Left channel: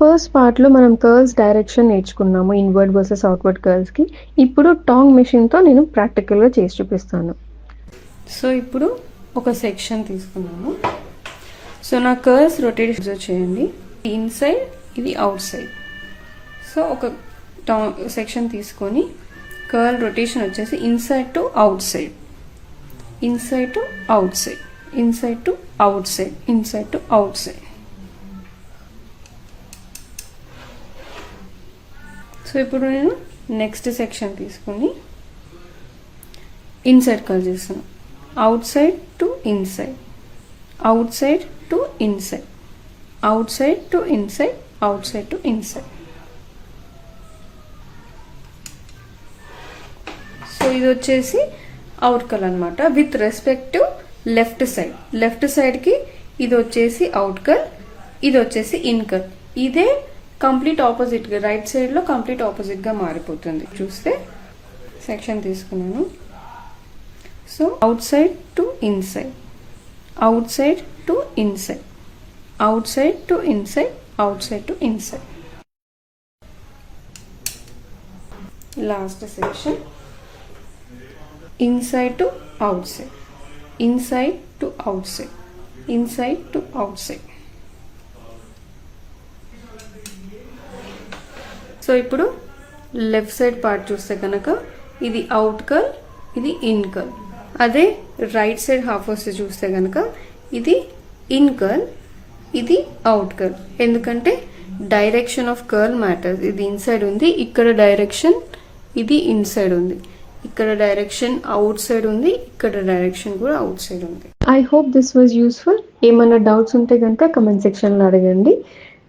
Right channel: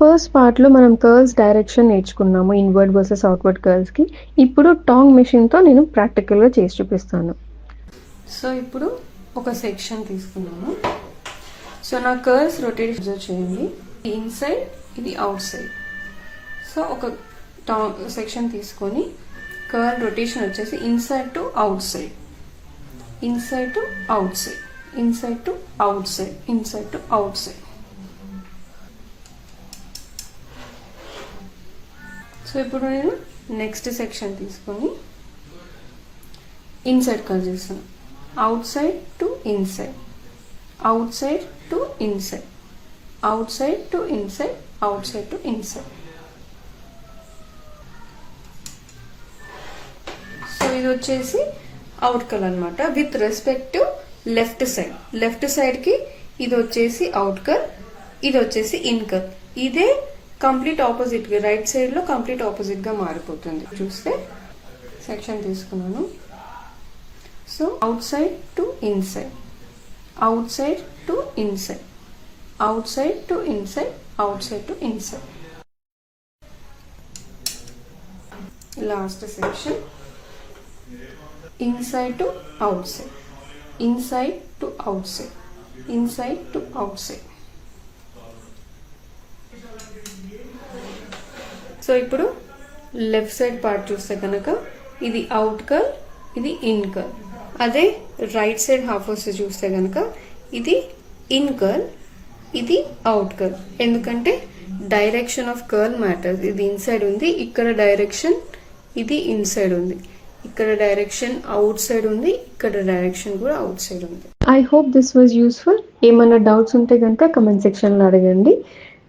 First పార్ట్‌లో మనం curls direction నేర్చుకున్నాము. ఇన్వర్డ్ వర్సెస్ అవుట్‌వర్డ్ కర్ల్స్‌కి. ఇప్పుడు టాంగ్ మెషిన్‌తో నేను ప్రాక్టికల్‌గా చేసి చూపిస్తాను. సో ఇప్పుడు ఒక సెక్షన్ తీసుకున్నాను. సో నా కర్ల్స్ రొటేట్ చేయండి. ఇన్సైడ్, ఇది అవుట్ సైడ్. సో ఒక సెక్షన్ తీసుకొని కర్ల్ రొటేషన్ వచ్చేసి inside to out side, inside to out side, inside to out side, inside to out side. So ఇప్పుడు నేను నెక్స్ట్ సెక్షన్ తీసుకొని ఇన్సైడ్ కర్ల్ చేస్తాను. Out side to inside, out side to inside, out side to inside, out side to inside. So ఇది వచ్చేసి out curl అనమాట. With respect to left side, left side కి ఇది వచ్చేసి అవుట్ కర్ల్, ఇది వచ్చేసి ఇన్ కర్ల్. ఇదే కంప్లీట్ ఆపోజిట్ గా రైట్ సైడ్ లో కంప్లీట్ ఆపోజిట్ గా మారిపోతుంది. చూస్తే సెక్షన్ తీసుకున్నాను. So out side to inside, out side to inside, out side to inside, out side to inside. Last section inside to outside, inside to outside, inside to outside. So ఇప్పుడు left side part చూస్తే కనుక ఇది out curl, ఇది in curl. అదే right side half వస్తే చూస్తే కనుక ఇది ఇన్ కర్ల్, ఇది అవుట్ కర్ల్. ఎందుకంటే డైరెక్షన్ ఆఫ్ కర్ల్ మ్యాటర్స్. ఇది ఇన్సైడ్ ఉంది, ఇక్కడ డైరెక్షన్ ఇది ఇన్సైడ్ ఉంది, ఇక్కడ డైరెక్షన్ అవుట్ సైడ్ ఉంది, ఇక్కడ డైరెక్షన్ కూడా అవుట్ సైడ్ ఉంది. I hope this was useful. ఏమైనా డౌట్స్ ఉంటే కనుక కమెంట్ సెక్షన్లో అడగండి.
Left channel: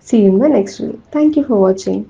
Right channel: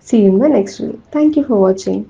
See you in the next video. Thank you for watching.